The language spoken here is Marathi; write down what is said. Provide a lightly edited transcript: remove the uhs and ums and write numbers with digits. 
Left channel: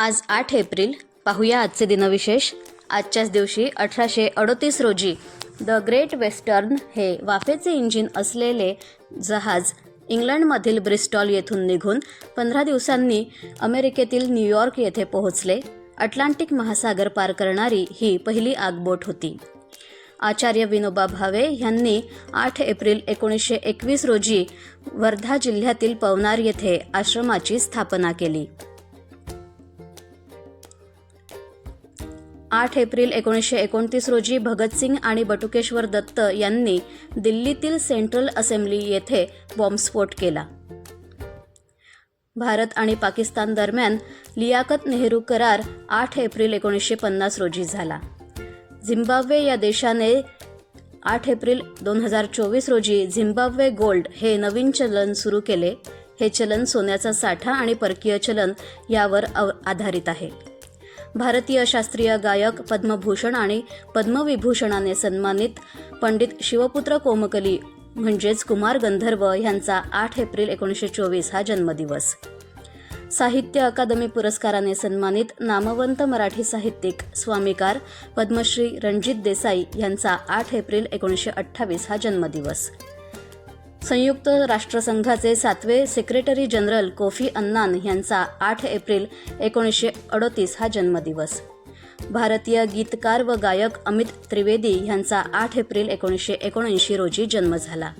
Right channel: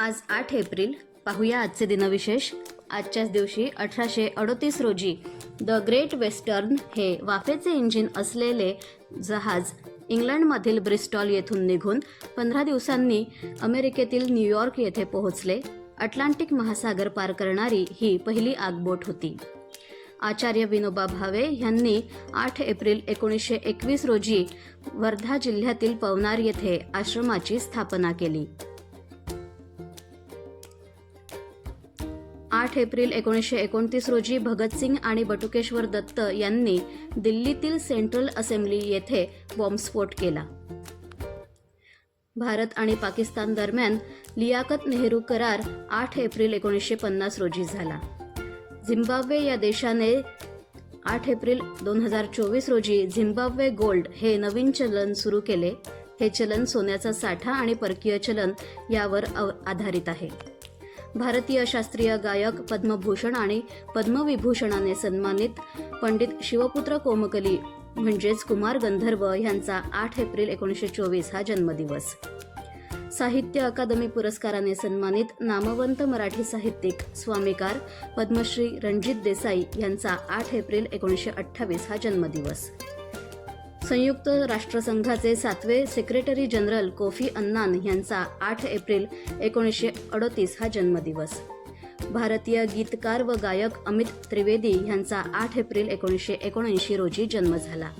आज 8 एप्रिल. पाहूया आजचे दिनविशेष. आजच्याच दिवशी 1838 रोजी द ग्रेट वेस्टर्न हे वाफेचे इंजिन असलेले जहाज इंग्लंडमधील ब्रिस्टॉल येथून निघून 15 दिवसांनी अमेरिकेतील न्यूयॉर्क येथे पोहोचले. अटलांटिक महासागर पार करणारी ही पहिली आगबोट होती. आचार्य विनोबा भावे यांनी 8 एप्रिल 1921 रोजी वर्धा जिल्ह्यातील पवनार येथे आश्रमाची स्थापना केली. 8 एप्रिल 1929 रोजी भगतसिंग आणि बटुकेश्वर दत्त यांनी दिल्लीतील सेंट्रल असेंब्ली येथे बॉम्बस्फोट केला. भारत आणि पाकिस्तान दरम्यान लियाकत नेहरू करार 8 एप्रिल 1950 रोजी झाला. झिम्बाब्वे या देशाने 8 एप्रिल 2024 रोजी झिम्बाब्वे गोल्ड हे नवीन चलन सुरू केले. हे चलन सोन्याचा साठा आणि परकीय चलन यावर आधारित आहे. भारतीय शास्त्रीय गायक पद्मभूषण आणि पद्मविभूषणाने सन्मानित पंडित शिवपुत्र कोमकली म्हणजेच कुमार गंधर्व यांचा 8 एप्रिल 1924 हा जन्मदिवस. साहित्य अकादमी पुरस्काराने सन्मानित नामवंत मराठी साहित्यिक स्वामीकार पद्मश्री रणजित देसाई यांचा 8 एप्रिल 1928 हा जन्मदिवस. संयुक्त राष्ट्रसंघाचे 7वे सेक्रेटरी जनरल कोफी अन्नान यांचा 8 एप्रिल 1938 हा जन्मदिवस. भारतीय गीतकार व गायक अमित त्रिवेदी यांचा 8 एप्रिल 1979 रोजी जन्म झाला.